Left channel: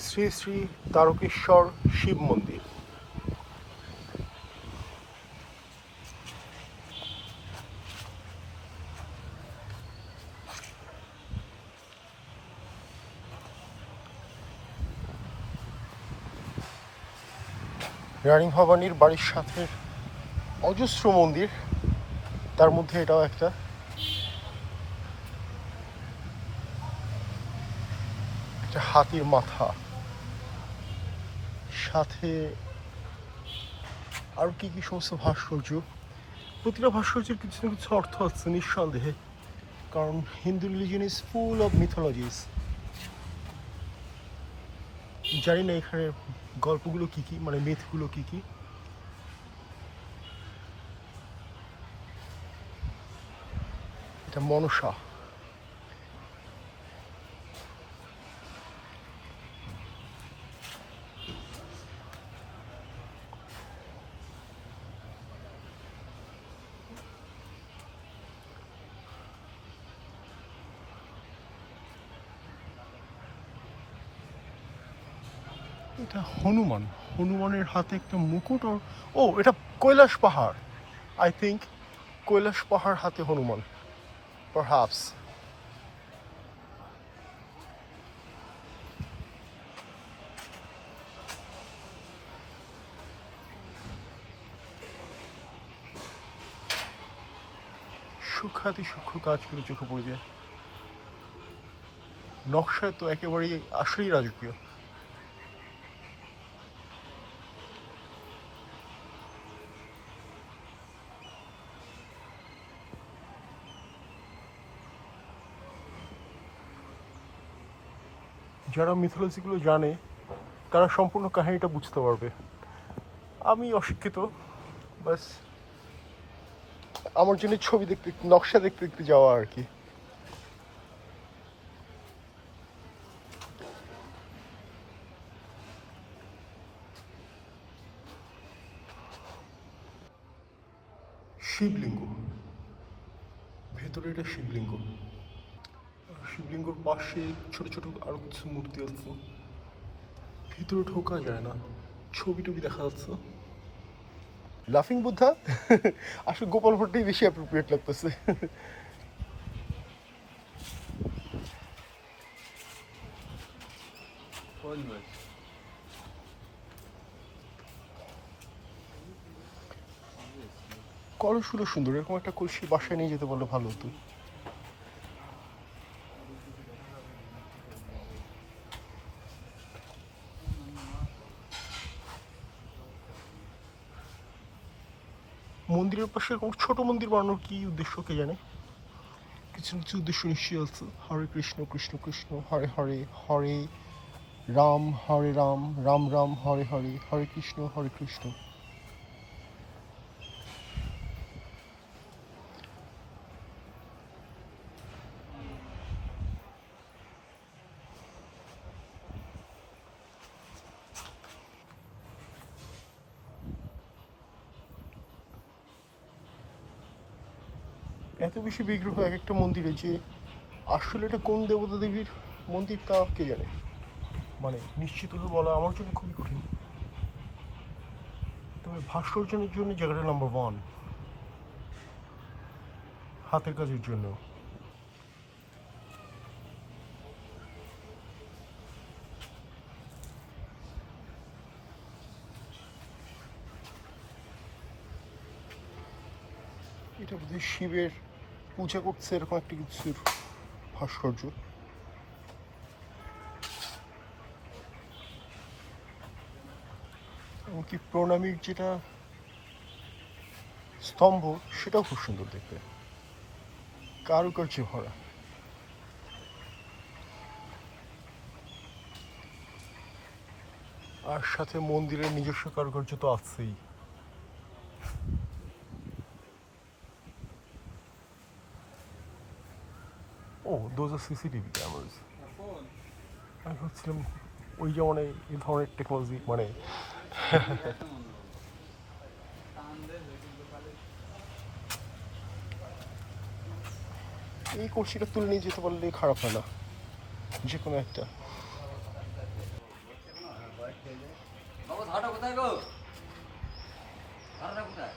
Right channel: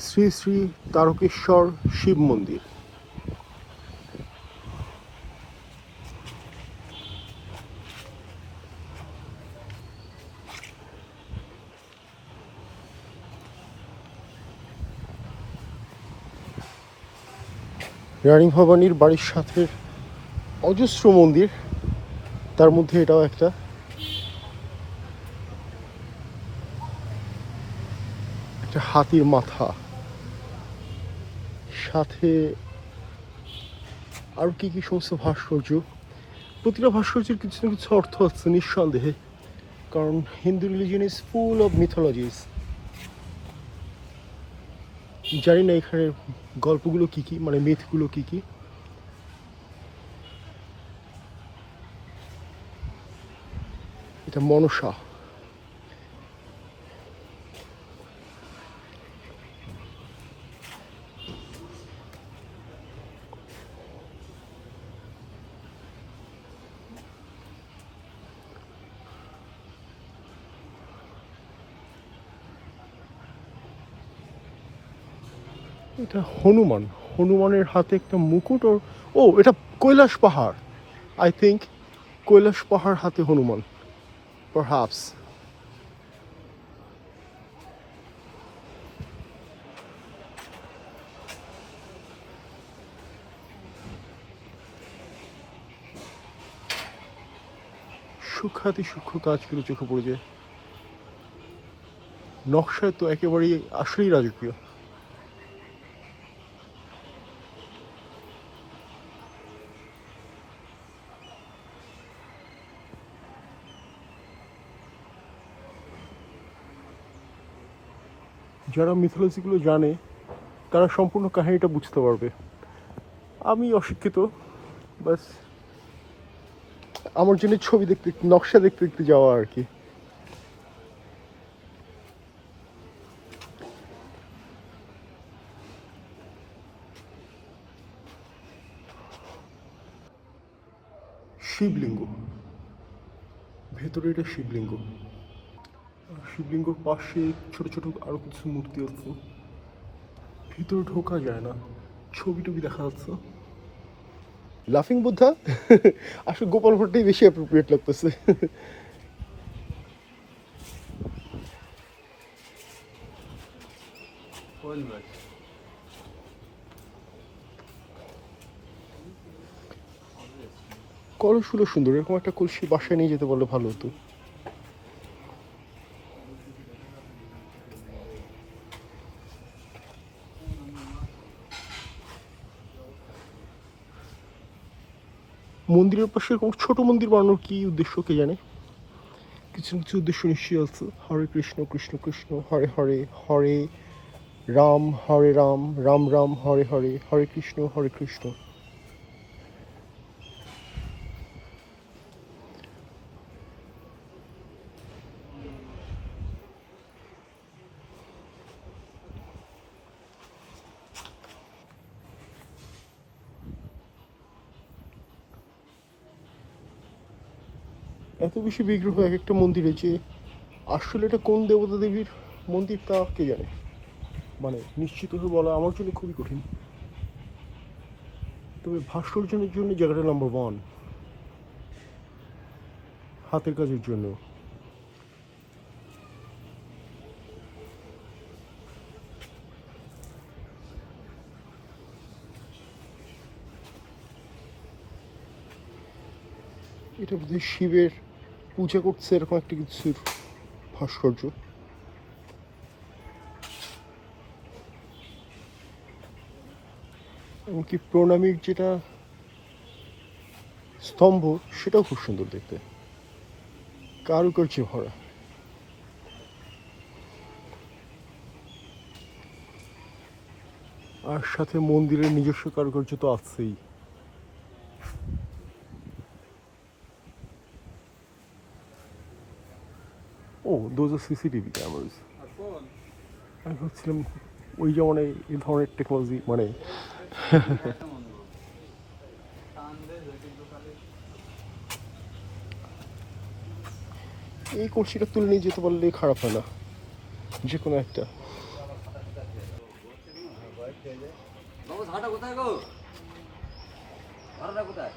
শ্রী শ্রী তারকেশ্বর শিব মন্দির। রানী ভবানীর বাড়ির সাথে অজস্র মন্দির, তার মধ্যে এটাও একটা। হাতির মাথা, সাথে আর কি কি সমস্ত ভাস্কর্য। প্রতিটা ভাস্কর্যের কিছু না কিছু অর্থ আছে নিঃসন্দেহে, কারণ Hindu religion is full of mythologies. জানি না এখানে গল্পগুলো কি কি, মানে মিথগুলো কি কি। এটা মনসা। এটা হনুমান, হনুমানের হাতে একটা মুকুট। ও এটা কৈলাস পাহাড়, আই থিঙ্ক কৈলাস পাহাড় হাতে হনুমান, পারহ্যাপস। সূক্ষ্মাতি সূক্ষ্ম কাজ করে চোখে পড়বে। নকশায় তো একেবারেই আসলেই রাজকীয়। যারা মিথোলজিগুলো জানে তারা সম্পূর্ণ কাহিনীটা বুঝতে পারবে। আমি অশিক্ষিত, বাস আমার জন্য ছবি দেখতে, নকশা দেখতে দেখতে যাওয়া আর কি। শিবলিঙ্গ, ভেতরে এটা শিবলিঙ্গ। শিবলিঙ্গর পাশে ছোট ছোট আরো কিছু মূর্তি আছে। ভিতরে ঢোকা যায় না, ছবি টবি দেখা যাচ্ছে। লাফিং বুদ্ধা আসলে গোপাল ভট্টাই বেশি অ্যাপ্রোপ্রিয়েট লাগতেছে। কলসগুলো সুন্দর, এরকম একটা কলসি বাসায় নিয়ে যেতে বললে ভালো হতো। মন্দিরের পাশে এরকম ছোট মন্দির বানানোর কি উদ্দেশ্য কে জানে, কিছু কিছু উদ্দেশ্য নিশ্চয়ই আছে। হরে কৃষ্ণ কৃষ্ণ কৃষ্ণ হরে হরে, হরে রাম হরে রাম, রাম রাম হরে হরে, হরে কৃষ্ণ হরে কৃষ্ণ। এত বেশি বিগ্রহ এক একটা মন্দিরে যে আসলে এটা কোন দেবতা দেবীর মন্দির তা কে জানে, মানে নিশ্চিতভাবে বলা আমার জন্য খুবই কঠিন। তবে ভাস্কর্যের জন্য জায়গাটা নাম্বার ওয়ান, হাতের কাজের জন্য। এটা বোধহয় শিবের পূজা করছে এরকম একটা কিছুর ভাস্কর্য। এমনকি প্রণামীর যেটা স্তম্ভ সেটাও খুব সুন্দর দেখতে, কারুকার্য হয়। আর সাথে মন্দিরের নিজস্ব কারুকার্য তো আছেই। ও দোজ আর সিসিটিভি ক্যামেরাস। আমি ভাবছিলাম ওই যেমন এই ধরনের টেকনোলজি, মানে এই কলসিটা তুলে নিয়ে যেতে পারলে খারাপ হয় না, যে কোনো একটা। বাবু ধারটা কোথায় গো? ভাড়াটা কোথায়?